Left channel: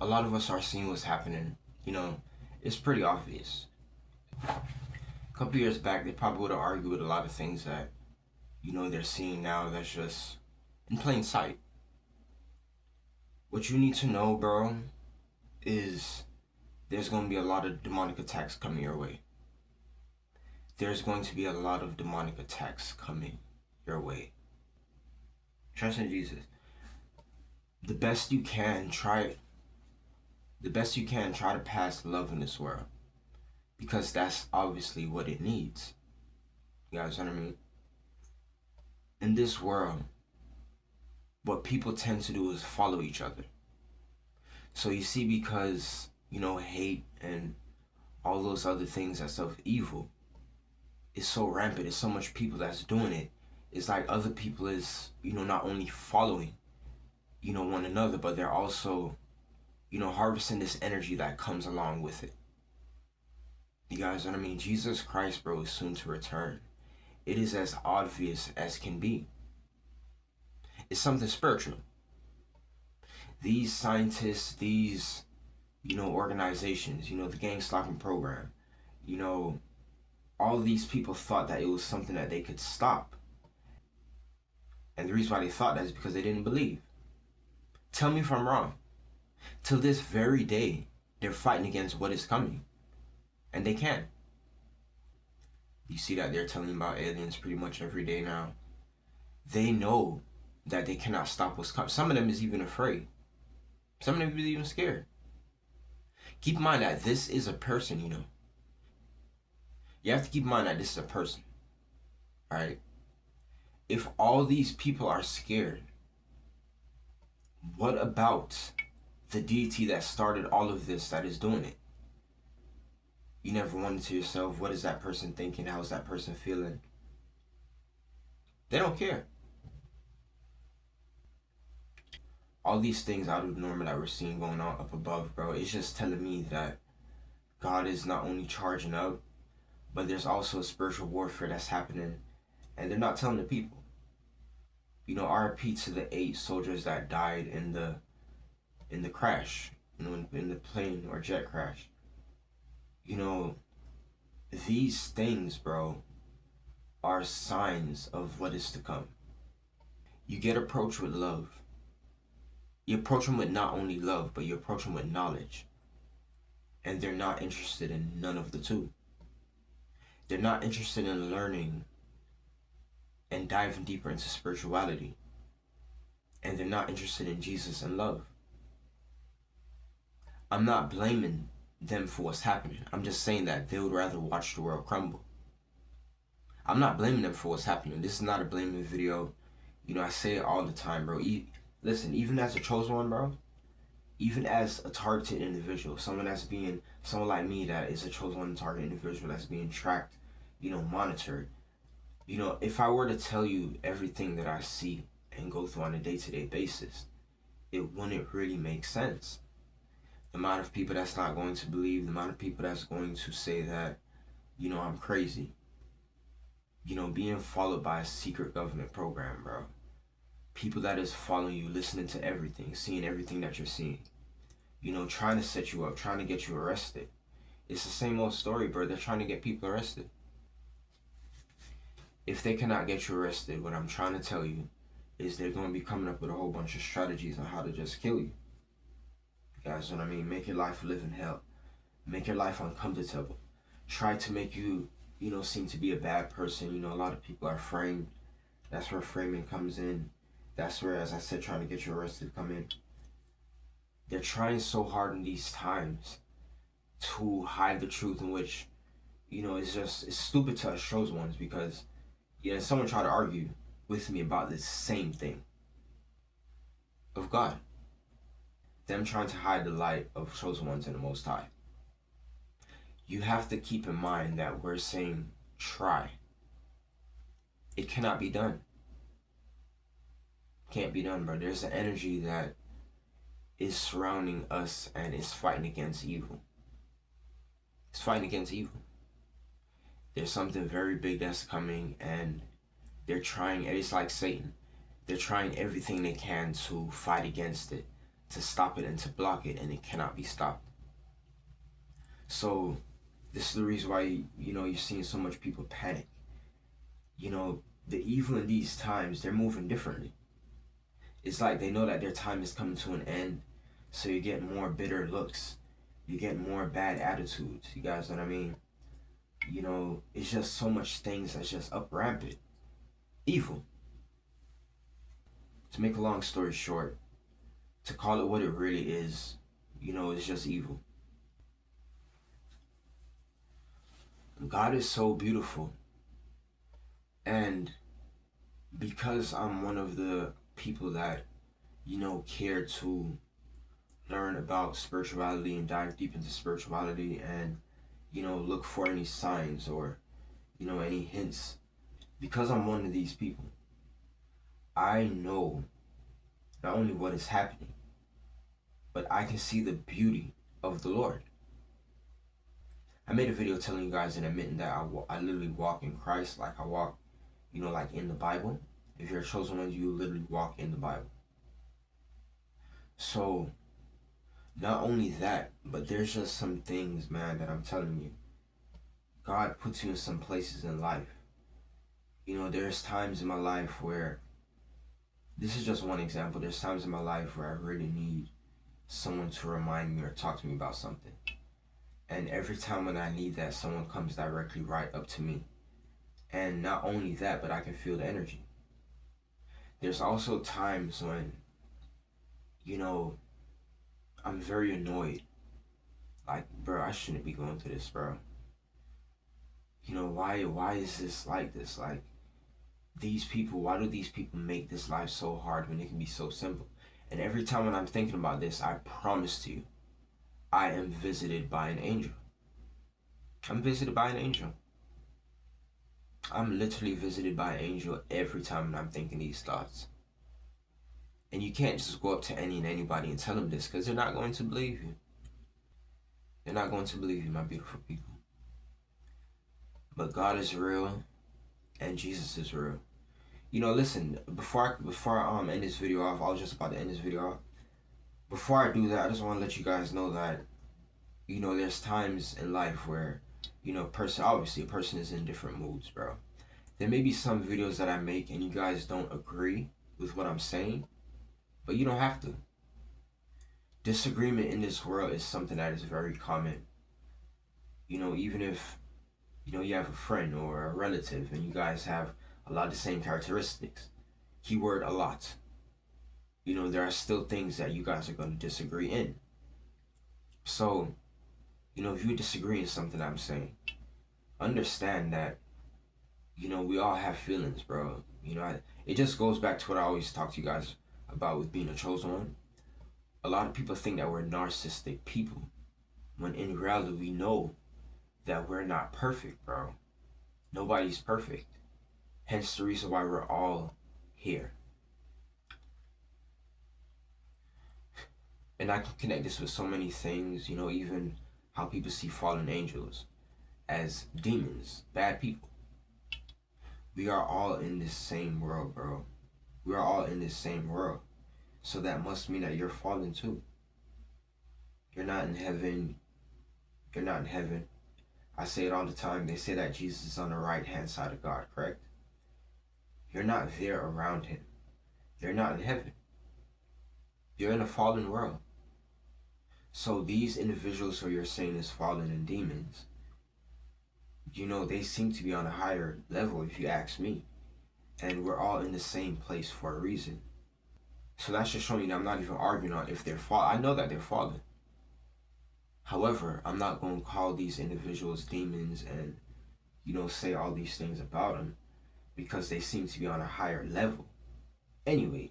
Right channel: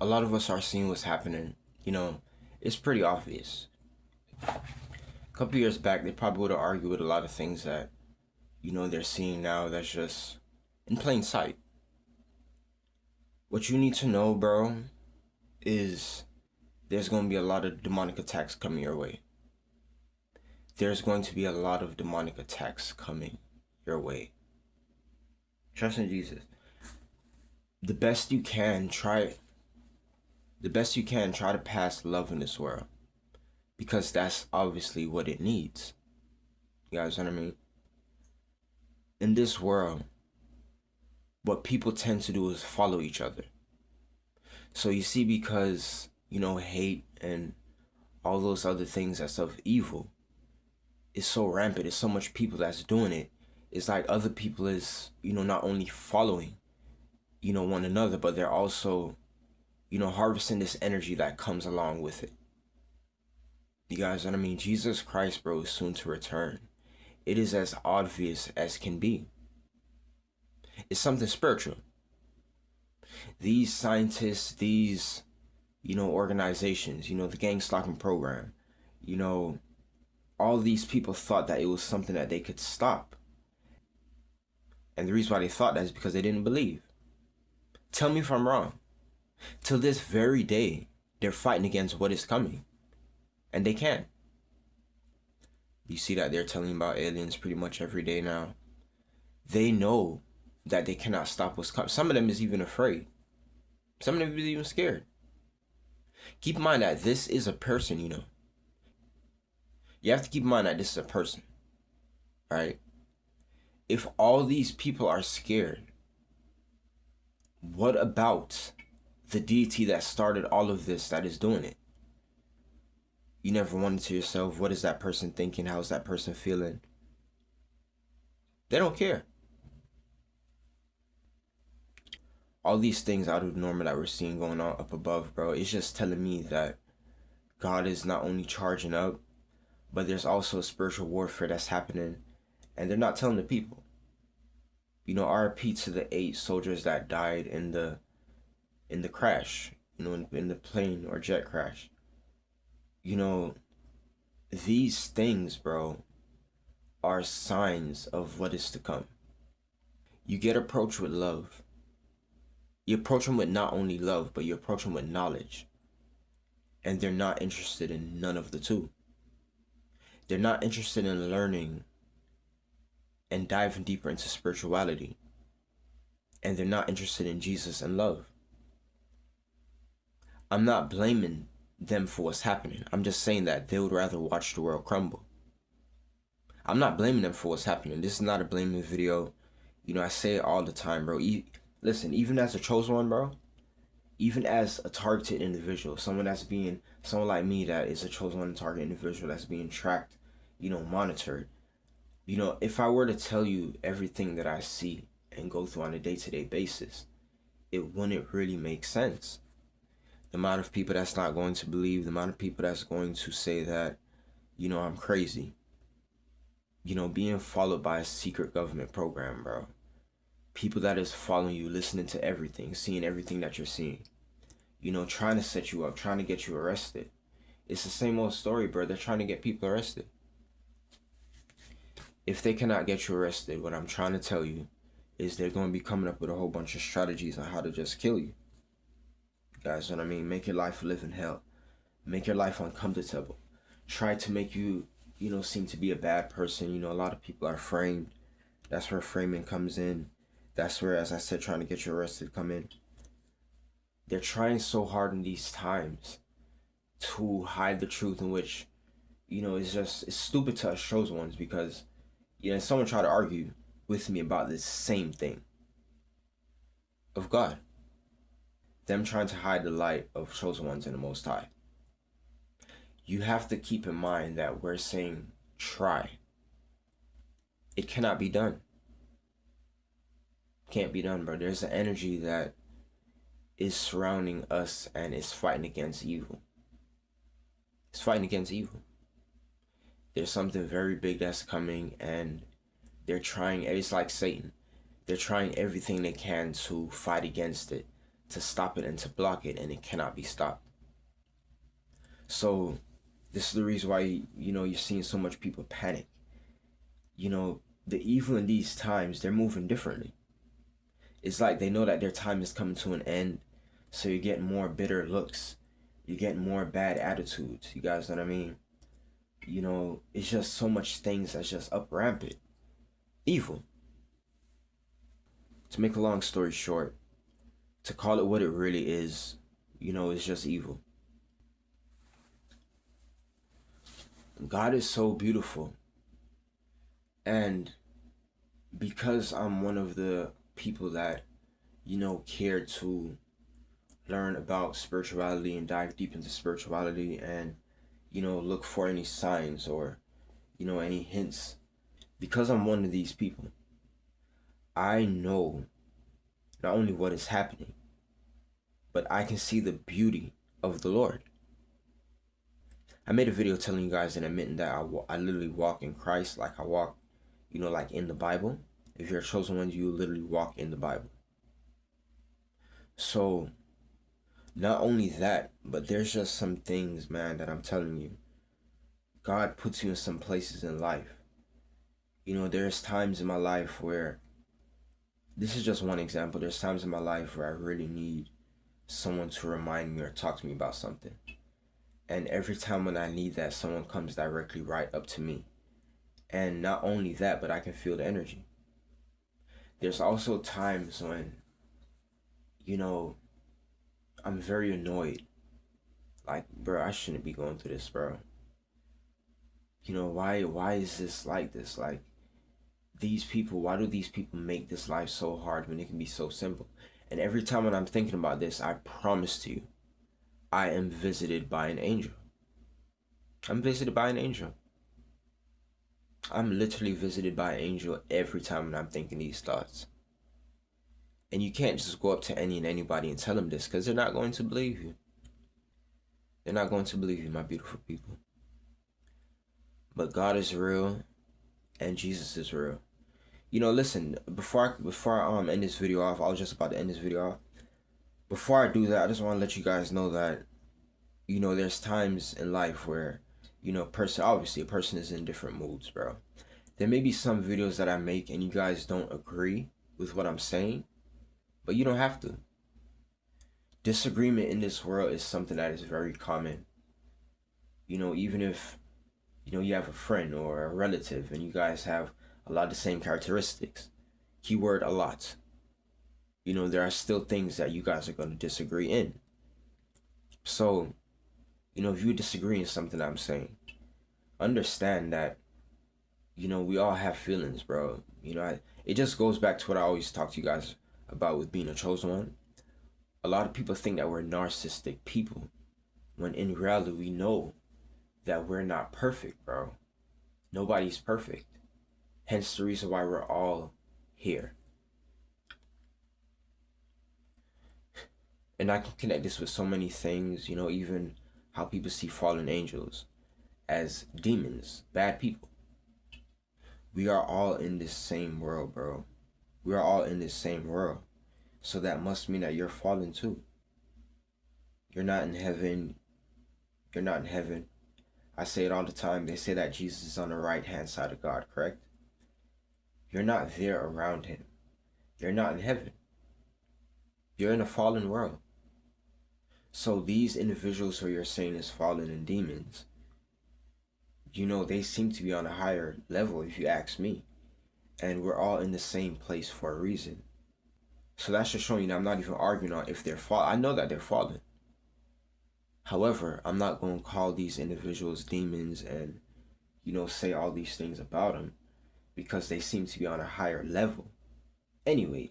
a lot of us are seeing what's happening. You know, it's pretty obvious. A couple years back, they probably would have argued with a lot of things that, they're seeing now that's just in plain sight. What you need to know, bro, is there's going to be a lot of demonic attacks coming your way. There's going to be a lot of demonic attacks coming your way. Trust in Jesus. The best you can, try to pass love in this world. Because that's obviously what it needs. You guys know what I mean? In this world, what people tend to do is follow each other. So you see, because, hate and all those other things that's of evil is so rampant, there's so much people that's doing it. It's like other people is, not only following, one another, but they're also, harvesting this energy that comes along with it. You guys know what I mean? Jesus Christ, bro, is soon to return. It is as obvious as can be. It's something spiritual. These scientists, these, organizations, the gang stalking program, all these people thought that it was something that they could stop. And the reason why they thought that is because they didn't believe. Tell me if I'm wrong. Till this very day, they're fighting against what is coming. And they can. You see that they're telling about aliens pretty much every day now. They know that they cannot stop what's coming. Some of them is even afraid. Some of them is even scared. Keep in mind that this is a person, You have to keep in mind that this is a person. Right? If all these people are scared, what about the deity that started all of this that is doing it? You never wonder to yourself, what is that person thinking? How's that person feeling? They don't care. All these things out of the normal that we're seeing going on up above, bro, it's just telling me that God is not only charging up, but there's also spiritual warfare that's happening, and they're not telling the people. RIP to the 8 soldiers that died in the crash, in the plane or jet crash. These things, bro, are signs of what is to come. You get approached with love. You approach them with not only love, but you approach them with knowledge. And they're not interested in none of the two. They're not interested in learning and diving deeper into spirituality. And they're not interested in Jesus and love. I'm not blaming them for what's happening. I'm just saying that they would rather watch the world crumble. I'm not blaming them for what's happening. This is not a blaming video. I say it all the time, bro. Listen, even as a chosen one, bro, even as a targeted individual, someone like me that is a chosen one, targeted individual that's being tracked, monitored. If I were to tell you everything that I see and go through on a day-to-day basis, it wouldn't really make sense. The amount of people that's not going to believe, the amount of people that's going to say that, I'm crazy. Being followed by a secret government program, bro. People that is following you, listening to everything, seeing everything that you're seeing. Trying to set you up, trying to get you arrested. It's the same old story, bro. They're trying to get people arrested. If they cannot get you arrested, what I'm trying to tell you is they're going to be coming up with a whole bunch of strategies on how to just kill you. You guys know what I mean? Make your life live in hell. Make your life uncomfortable. Try to make you, seem to be a bad person. A lot of people are framed. That's where framing comes in. That's where, as I said, trying to get you arrested come in. They're trying so hard in these times to hide the truth, in which, it's stupid to us chosen ones, because, someone tried to argue with me about this same thing of God. Them trying to hide the light of chosen ones in the Most High. You have to keep in mind that we're saying try. It cannot be done. Can't be done, bro. There's an energy that is surrounding us and is fighting against evil. It's fighting against evil. There's something very big that's coming, and they're trying, it's like Satan. They're trying everything they can to fight against it, to stop it and to block it, and it cannot be stopped. So this is the reason why, you're seeing so much people panic. The evil in these times, they're moving differently. It's like they know that their time is coming to an end, so you get more bitter looks, you get more bad attitudes. You guys know what I mean? It's just so much things that's just up rampant. Evil. To make a long story short, to call it what it really is, it's just evil. God is so beautiful. And because I'm one of the people that, care to learn about spirituality and dive deep into spirituality and, look for any signs or, any hints, because I'm one of these people, I know not only what is happening, but I can see the beauty of the Lord. I made a video telling you guys and admitting that I literally walk in Christ, like I walk, like in the Bible. If you're a chosen one, you literally walk in the Bible. So, not only that, but there's just some things, man, that I'm telling you. God puts you in some places in life. There's times in my life where, this is just one example, there's times in my life where I really need someone to remind me or talk to me about something. And every time when I need that, someone comes directly right up to me. And not only that, but I can feel the energy. There's also times when, I'm very annoyed. Like, bro, I shouldn't be going through this, bro. Why is this like this? Like, why do these people make this life so hard when it can be so simple? And every time when I'm thinking about this, I promise to you, I am visited by an angel. I'm visited by an angel. I'm literally visited by an angel every time when I'm thinking these thoughts. And you can't just go up to any and anybody and tell them this, because they're not going to believe you. They're not going to believe you, my beautiful people. But God is real, and Jesus is real. Listen, before I end this video off, I was just about to end this video off. Before I do that, I just want to let you guys know that, there's times in life where, obviously a person is in different moods, bro. There may be some videos that I make and you guys don't agree with what I'm saying, but you don't have to. Disagreement in this world is something that is very common. Even if, you have a friend or a relative and you guys have a lot of the same characteristics, keyword a lot, there are still things that you guys are going to disagree in. So, if you disagree in something I'm saying, understand that, we all have feelings, bro. It just goes back to what I always talk to you guys about with being a chosen one. A lot of people think that we're narcissistic people, when in reality we know that we're not perfect, bro. Nobody's perfect. Hence the reason why we're all here. And I can connect this with so many things, even how people see fallen angels as demons, bad people. We are all in this same world, bro. We are all in this same world. So that must mean that you're fallen too. You're not in heaven. You're not in heaven. I say it all the time. They say that Jesus is on the right-hand side of God, correct? You're not there around him. You're not in heaven. You're in a fallen world. So these individuals who you're saying is fallen and demons, they seem to be on a higher level if you ask me. And we're all in the same place for a reason. So that's just showing you that I'm not even arguing on if they're fallen. I know that they're fallen. However, I'm not going to call these individuals demons and, say all these things about them, because they seem to be on a higher level. Anyway,